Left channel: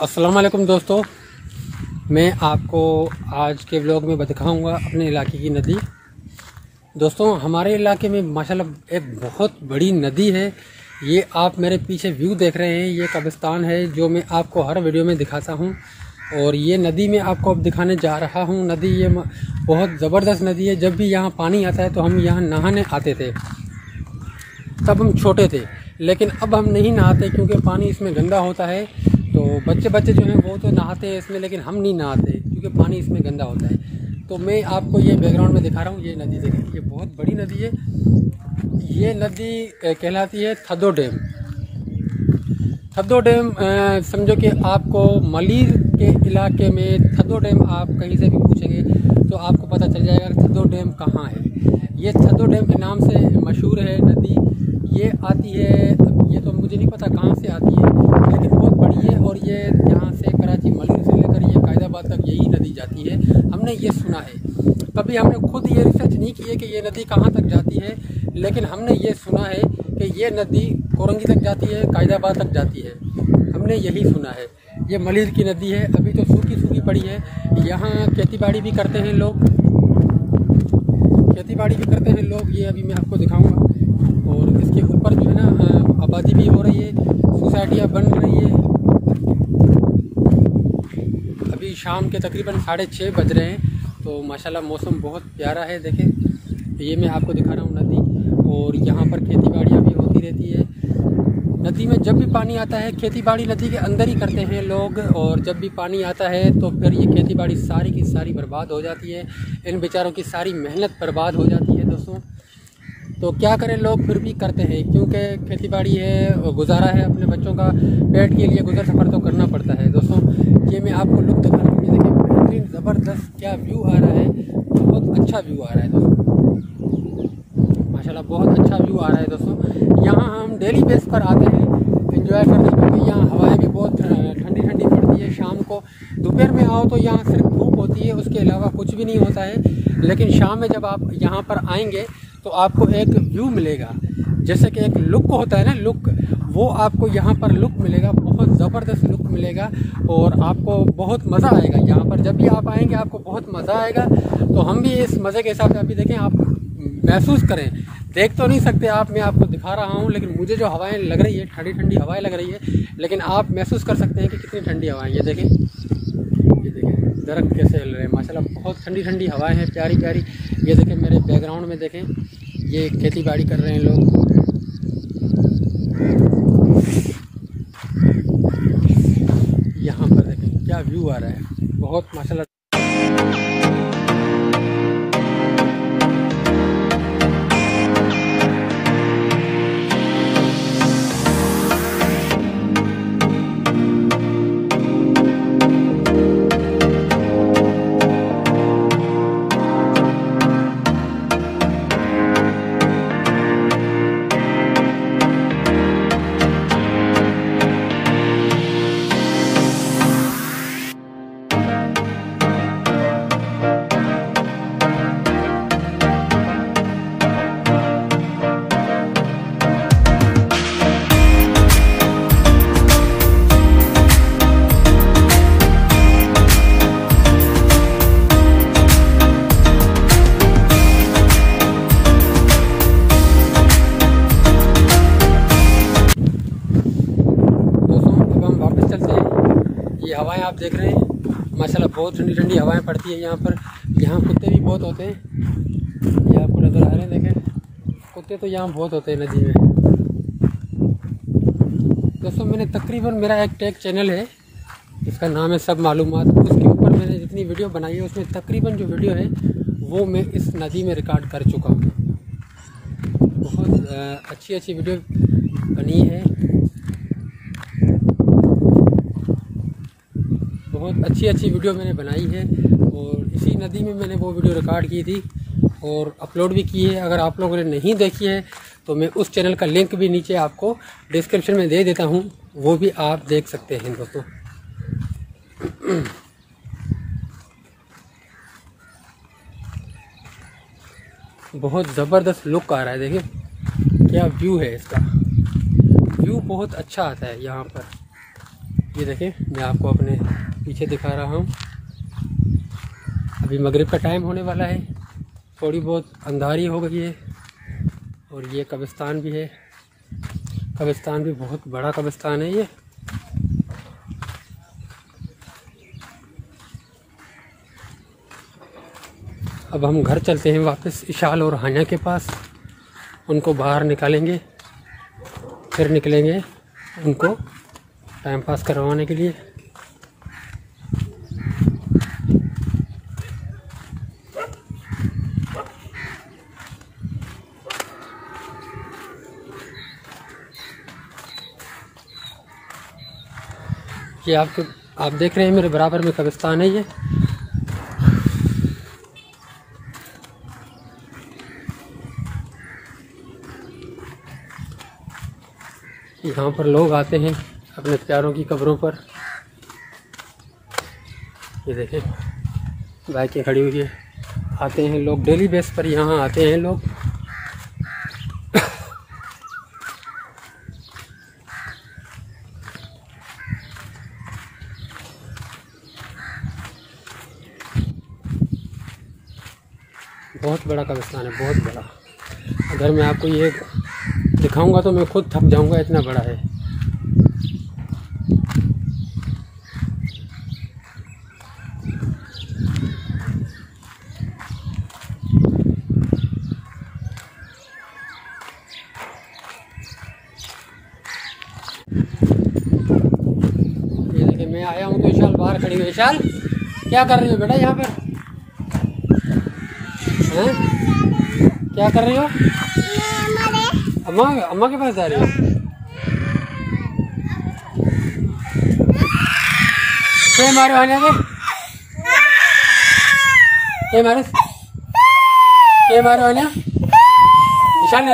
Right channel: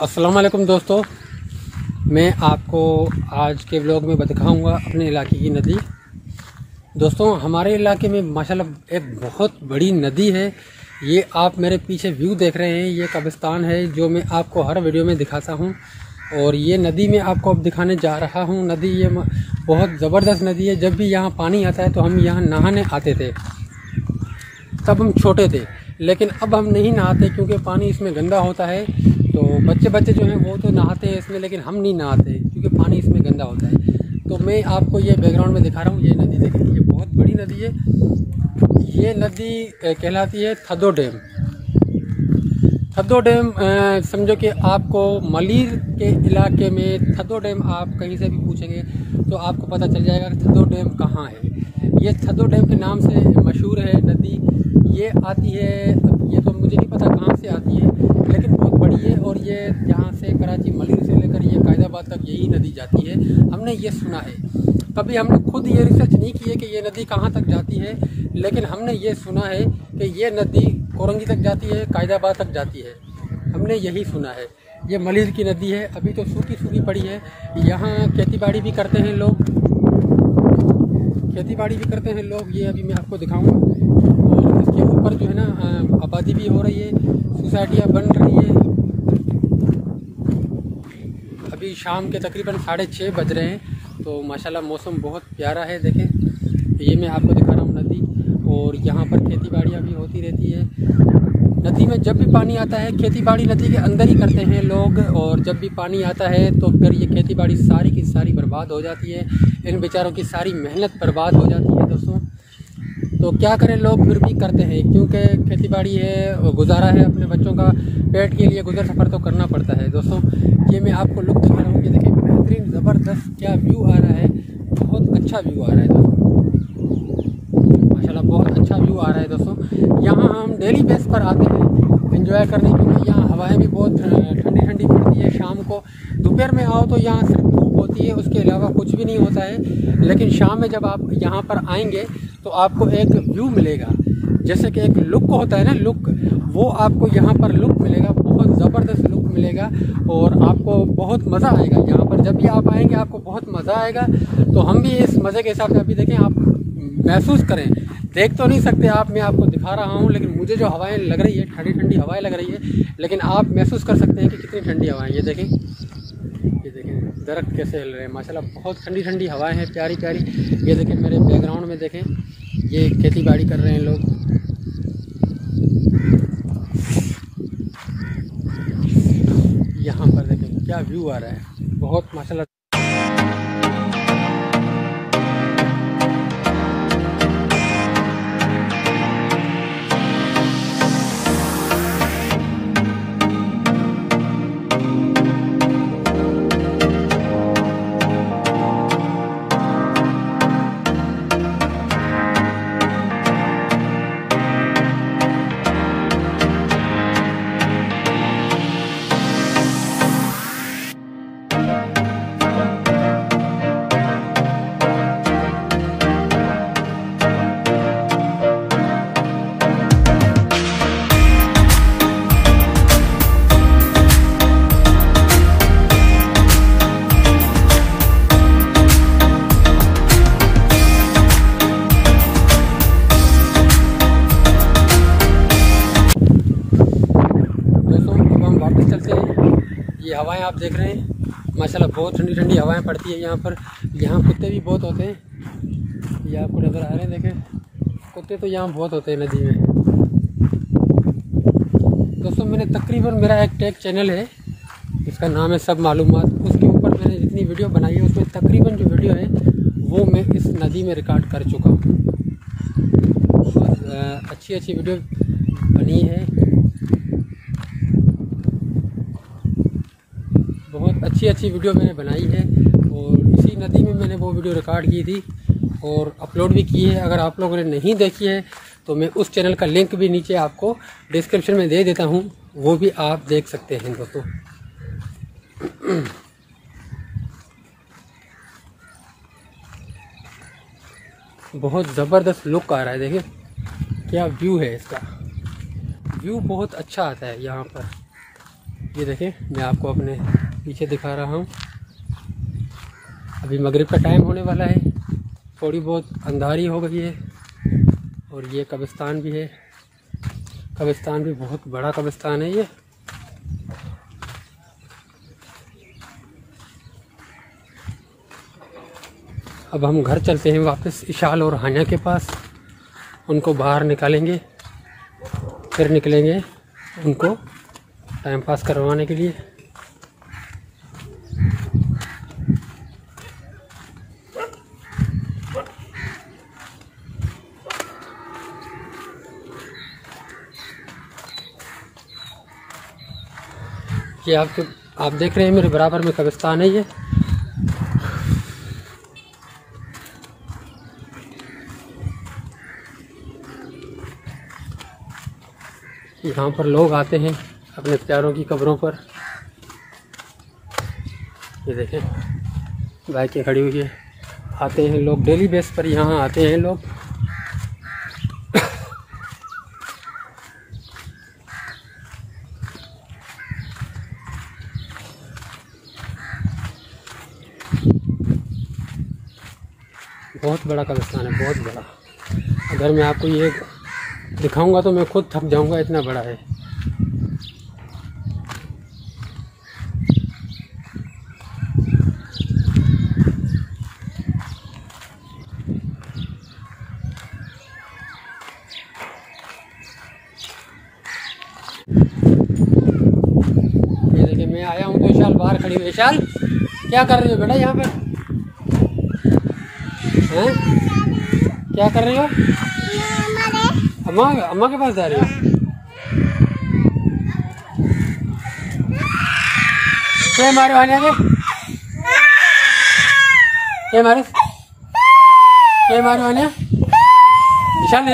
अस्सलाम वालेकुम दोस्तों, मैं आपको आज के व्लॉग में दिखाऊंगा अपने इलाके की नदी। दोस्तों, हमारे इलाके में माशाल्लाह एक बहुत बड़ी नदी है। ये आप मेरे पीछे व्यू देख रहे हैं, ये कब्रिस्तान है जो मैं आपको हर वीडियो में दिखाता हूँ। और ये नदी मैं आपको अब दिखाने जा रहा हूँ। नदी ये बहुत ज़बरदस्त नदी है। जब भी यहाँ पानी आता है तो हम यहाँ नहाने आते थे, तब हम छोटे थे, लेकिन अब हम नहीं नहाते क्योंकि पानी इसमें गंदा होता है। तो बच्चे जो हैं वो तो नहाते हैं इसमें, लेकिन हम नहीं नहाते क्योंकि पानी इसमें गंदा होता है। तो मैं आपको ये बैकग्राउंड में दिखा रहा हूँ। ये नदी देखें, ये बहुत बड़ी नदी है। ये नदी कहलाती है थद्दो डैम। थद्दो डैम समझो कि आपको मलीर के इलाके में थद्दो डैम आप कहीं से भी पूछेंगे तो आपको पता चल जाएगा कि थद्दो डैम कहाँ है। ये थद्दो डैम के नाम से मशहूर है नदी। ये आती है, ये तो मुझे नहीं पता कहाँ से आती है, लेकिन बहुत बड़ी है। और ये यहाँ से कराची मलीर से लेकर ये कायदाबाद तक यही नदी जाती है। हमने ये सुना है, कभी हमने खुद ये रिसर्च नहीं की है कि ये नदी कहाँ तक जाती है, लेकिन हमने ये सुना है कि ये नदी कोरंगी तक जाती है, कायदाबाद तक जाती है। हमने यही सुना है। ये मलीर की नदी है, अभी तो सूखी पड़ी है। यहाँ खेती बाड़ी भी करते हैं लोग, ये अभी मैं आपको दिखाऊंगा। और इसके ऊपर जो है ना आबादी भी हो रही है, सोसाइटियाँ बन रही है। अभी शाम के तकरीबन 6:30 बज रहे हैं, तो माशाल्लाह मौसम बहुत प्यारा है। देखें, ये मैं आपको दिखा रहा हूँ नदी। और यहाँ पर खेती बाड़ियाँ भी होती रहती है। नदी में जब भी पानी आता है, खेती बाड़ी नदी के अंदर ही करते हैं लोग। और जब भी पानी आता है तो फिर ये खेती बाड़ी सारी की सारी बर्बाद हो जाती है। इन बेचारों की सारी मेहनत बर्बाद हो जाती है दोस्तों। तो क्या करें, लोग फिर भी करते हैं क्योंकि खेती बाड़ी है, गुजारा है, अपने बच्चों का पेट के लिए गुजर सफ़र तो करना पड़ता है। दोस्तों, ये मैं आपको लुक दिखा रहा हूँ। ये देखिए, बेहतरीन ज़बरदस्त क्या व्यू आ रहा है। बहुत अच्छा व्यू आ रहा है दोस्तों, माशाल्लाह बहुत अच्छा व्यू आ रहा है दोस्तों। यहाँ हम डेली बेस पर आते हैं एंजॉय करने, क्योंकि यहाँ हवाएं भी बहुत ठंडी पड़ती है। शाम को दोपहर में आओ तो यहाँ सिर्फ धूप होती है, उसके अलावा कुछ भी नहीं होता है। लेकिन शाम में जब आप यहाँ पर आएंगे तो आपको एक व्यू मिलेगा, जैसे कि एक लुक होता है ना, लुक, वो आपको यहाँ पर लुक मिलेगा, बहुत ज़बरदस्त लुक मिलेगा। और आपको बहुत मज़ा आएगा यहाँ पर। जब भी आप आएंगे आपको बहुत मज़ा आएगा। तो हम भी इस मज़े के हिसाब से अभी देखें, आप महसूस करें। देख तो नहीं सकते आप, मैं आपको दिखा रहा हूँ, लेकिन मुझे जो हवाएं लग रही है, ठंडी हवाएं लग रही है, लेकिन आप महसूस कर सकते हैं कि कितनी ठंडी हवाएं। ये देखें दरख्त कैसे हिल रहे हैं, माशाल्लाह बहुत ठंडी हवाएं हैं, प्यारी। ये देखें मेरे बैकग्राउंड में, देखें ये खेती बाड़ी कर रहे हैं लोग। यहाँ पर देखें क्या व्यू आ रहा है, बहुत माशाल्लाह। वापस चलते हैं। ये हवाएं आप देख रहे हैं, माशाल्लाह बहुत ठंडी हवाएं पड़ती है यहाँ पर। यहाँ कुत्ते भी बहुत होते हैं, ये आपको नज़र आ रहे हैं। देखें, कुत्ते तो यहाँ बहुत होते हैं नदी में। दोस्तों, मैंने तकरीबन, मेरा एक टेक चैनल है, इसका नाम है सब मालूमात। उसके ऊपर मैंने जितनी वीडियो बनाई है, उसमें तकरीबन जो वीडियो है वो मैं इस नदी में रिकॉर्ड कर चुका हूँ। बहुत अच्छी वीडियो बनी है, बहुत अच्छी वीडियो मैंने बनाई है। और इसी नदी में मैंने वो वीडियो रिकॉर्ड की थी और अपलोड भी की है। अगर आप लोगों ने नहीं देखी है तो मैं उस चैनल का लिंक भी नीचे आपको डिस्क्रिप्शन में दे देता हूँ, वो भी आप देख सकते हैं दोस्तों। बहुत ज़बरदस्त लुक आ रहा है, देखिए क्या व्यू है इसका। व्यू बहुत अच्छा आता है यहाँ पर। ये देखें, मैं आपको अपने पीछे दिखा रहा हूँ। अभी मगरिब का टाइम होने वाला है, थोड़ी बहुत अंधारी हो गई है। और ये कब्रिस्तान भी है, कब्रिस्तान भी बहुत बड़ा कब्रिस्तान है ये। अब हम घर चलते हैं वापस इशाल और हानिया के पास, उनको बाहर निकालेंगे, फिर निकलेंगे उनको टाइम पास करवाने के लिए। ये आप देख रहे हैं मेरे बराबर में कब्रिस्तान है ये। यहाँ पर लोग आते हैं अपने प्यारों की कब्रों पर। ये देखें, बाइकें खड़ी हुई है, आते हैं लोग डेली बेस पर, यहाँ आते हैं लोग। बहुत बड़ा कब्रिस्तान है, बहुत बड़ा। अगर मैं आपको ये दिखाऊंगा तो मैं खुद थक जाऊंगा, इतना बड़ा है। ये देखिए, मैं आया हूँ तो विशाल बाहर खड़ी हुई। विशाल, क्या कर रही हो बेटा यहाँ पर? हैं? क्या कर रही हो? अम्मा के पास जा रही हो? क्या मारे आने के? क्या मारे? क्या मारे आने? विशाल